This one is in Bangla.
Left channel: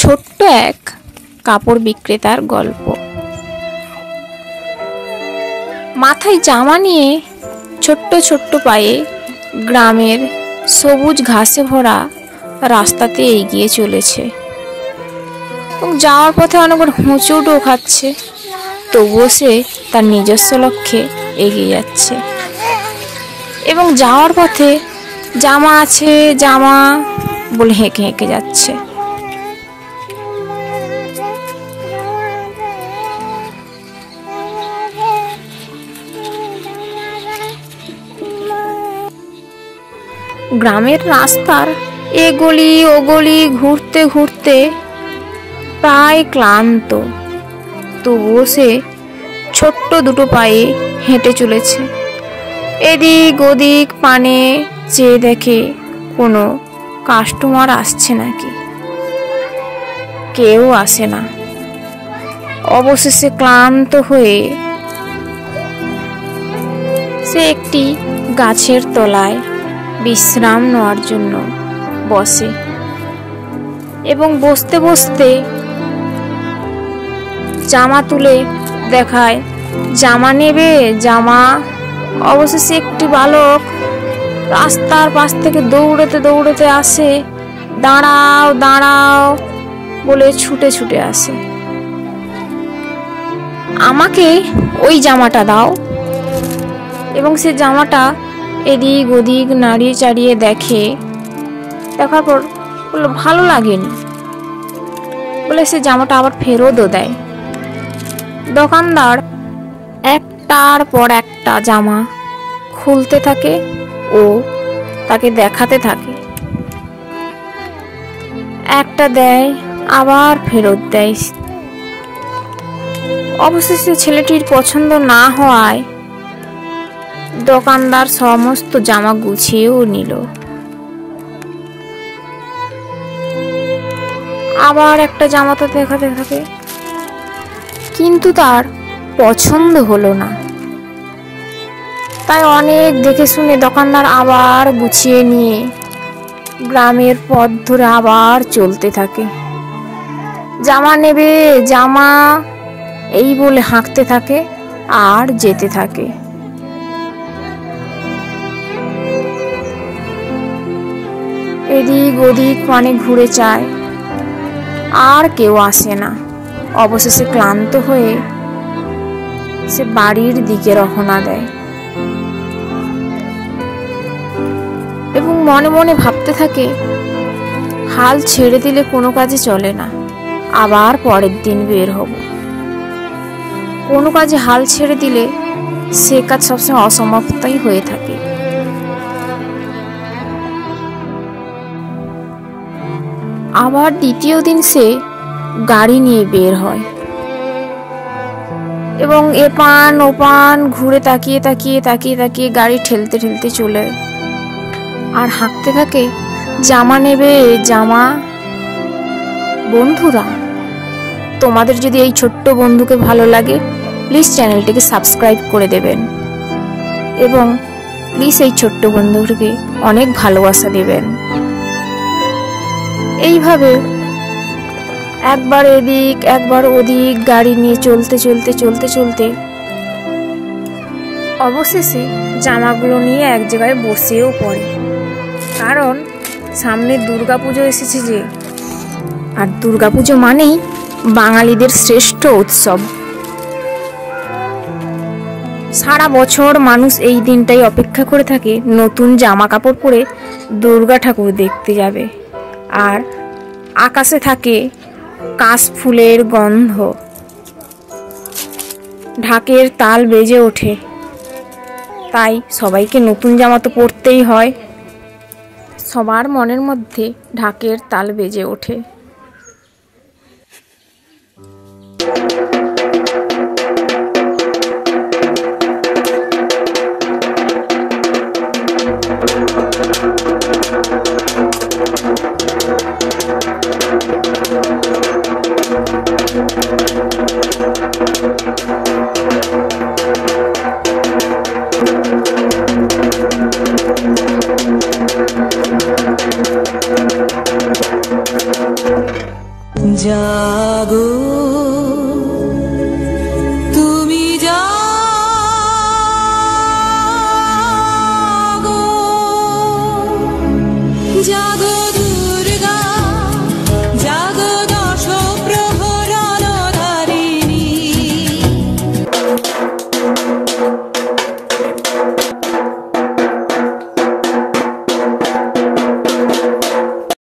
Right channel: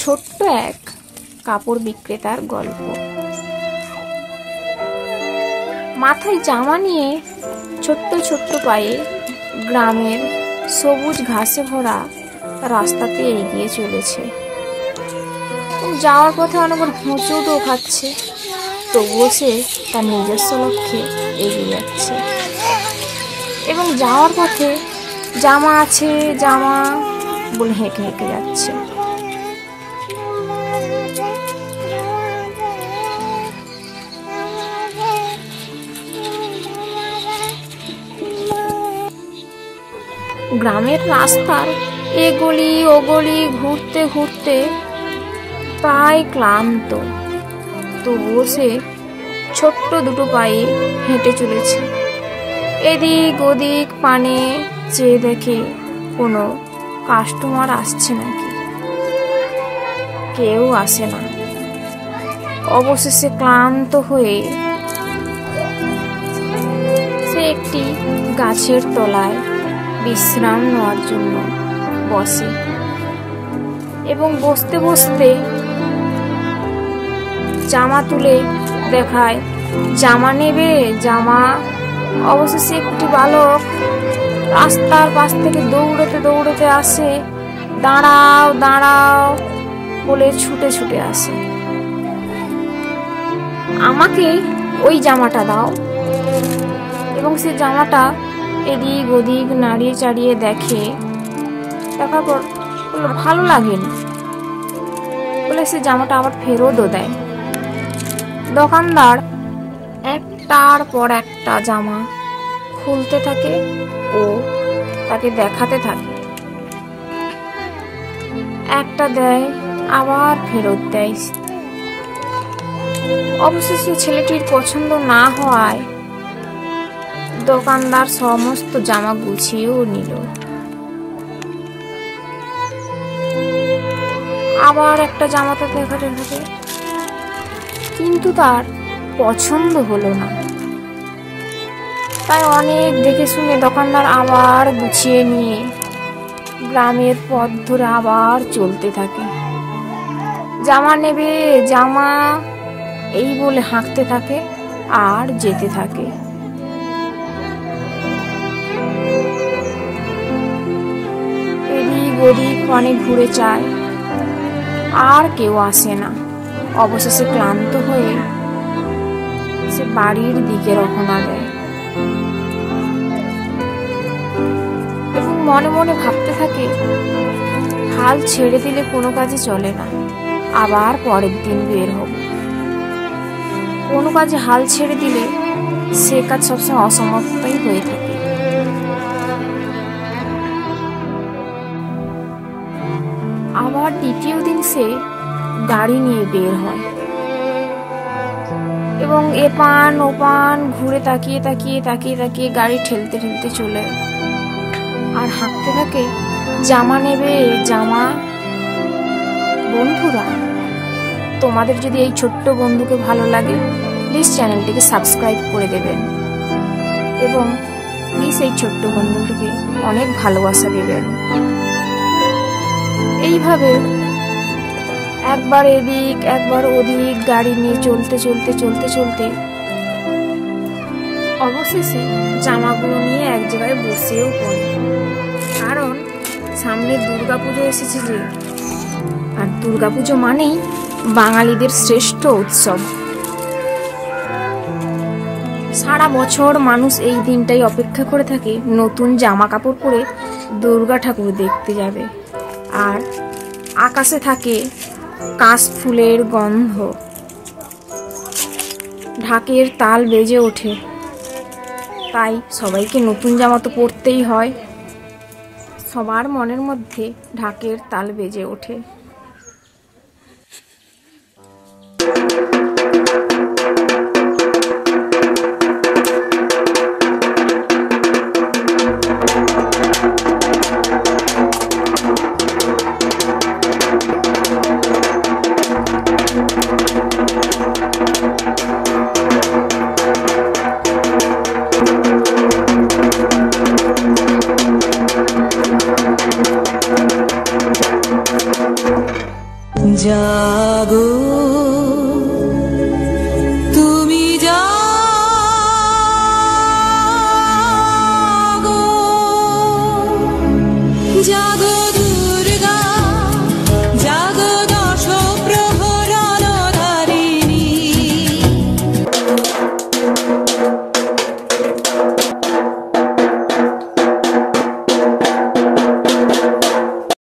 ছোট্ট এক কাপড় বিক্রেতার গল্প। মাথায় জামা নিয়ে ছোট্ট ছোট্ট পায়ে গ্রামের সবুজ ঘাসে ভরা রাস্তাতে এগিয়ে চলেছে এবং যাওয়ার পথে অনেকবার হোঁচটও খাচ্ছে, তবুও সে তার নিজস্ব লক্ষ্যে এগিয়ে যাচ্ছে। এবং যাওয়ার পথে জামা আছে জামা বলে হেঁকে হেঁকে যাচ্ছে। গ্রামের রাস্তার এ গলি ও গলি ঘুরতে ঘুরতে প্রায় ক্লান্ত, তবুও সে ছোট্ট দুটো পায়ে হেঁটে চলেছে। এদিক ওদিক পানে চেয়ে দেখে কোনো কাস্টমার আসছে নাকি। কেউ আসে না। অবশেষে ক্লান্ত হয়ে সে একটি গাছের তলায় বিশ্রাম নেওয়ার জন্য বসে এবং বসতে বসতে জামা তুলে দেখায় জামা নেবে জামা। অবশেষে একটি বালক রাস্তার পাশ থেকে দৌড়াতে দৌড়াতে আসে, দাঁড়াও দাঁড়াও বলে ছুটে ছুটে আসে। আমাকে ওই জামাটা দাও। এবং সে জামাটা এদিক ওদিক নাড়িয়ে চাড়িয়ে দেখে, দেখার পর বললো ভালো লাগেনি বলে সে জামাটা আবার ফেরতও দেয়। দোকানদার একটার পর একটা জামা খুলতে থাকে ও তাকে দেখাতে থাকে। একটা দেয় আবার ফেরত দেয়। অবশেষে ছেলেটির পছন্দ না হওয়ায় দোকানদার সমস্ত জামা গুছিয়েও নিল। আবার একটা জামাতে দেখাতে থাকে, কিন্তু তার পছন্দ হলো না। তাই অনেক দেখে শুনে দোকানদার আবার গুছিয়ে নিয়ে গ্রামের পথ ধরে আবার চলতে থাকে। জামা নেবে জামা এই বলে হাঁকতে থাকে আর যেতে থাকে। এদিক ওদিক পানে ঘুরে চায়, আর কেউ আসে না। অবশেষে ক্লান্ত হয়ে সে বাড়ির দিকে রওনা দেয় এবং মনে মনে ভাবতে থাকে হাল ছেড়ে দিলে কোনো কাজে চলে না, আবার পরের দিন বের হব। কোনো কাজে হাল ছেড়ে দিলে সে কাজ সবসময় অসমাপ্তই হয়ে থাকে। আবার দ্বিতীয় দিন সে গাড়ি নিয়ে বের হয় এবং এপান ওপান ঘুরে তাকিয়ে তাকিয়ে তাকিয়ে তাকিয়ে গাড়ি ঠেলতে ঠেলতে চলে আর হাঁকতে থাকে জামা নেবে জামা। বন্ধুরা, তোমাদের যদি এই ছোট্ট বন্ধুকে ভালো লাগে প্লিজ চ্যানেলটিকে সাবস্ক্রাইব করে দেবেন এবং প্লিজ এই ছোট্ট বন্ধুটিকে অনেক ভালোবাসা দেবেন। এইভাবে একবার এদিক একবার ওদিক গাড়ি নিয়ে চলতে চলতে চলতে চলতে অবশেষে জামাগুলো নিয়ে এক জায়গায় বসেও পড়ে। কারণ সামনে দুর্গাপুজো এসেছে যে, আর দুর্গাপুজো মানেই বাঙালিদের শ্রেষ্ঠ উৎসব। সারা বছর মানুষ এই দিনটাই অপেক্ষা করে থাকে নতুন জামা কাপড় পরে দুর্গা ঠাকুর দেখতে যাবে। আর আকাশে থাকে কাশফুলের গন্ধ, ঢাকের তাল বেজে ওঠে। তাই সবাইকে নতুন জামা তো পরতেই হয়। সবার মনের মধ্যে ঢাকের তাল বেজে ওঠে। জাগো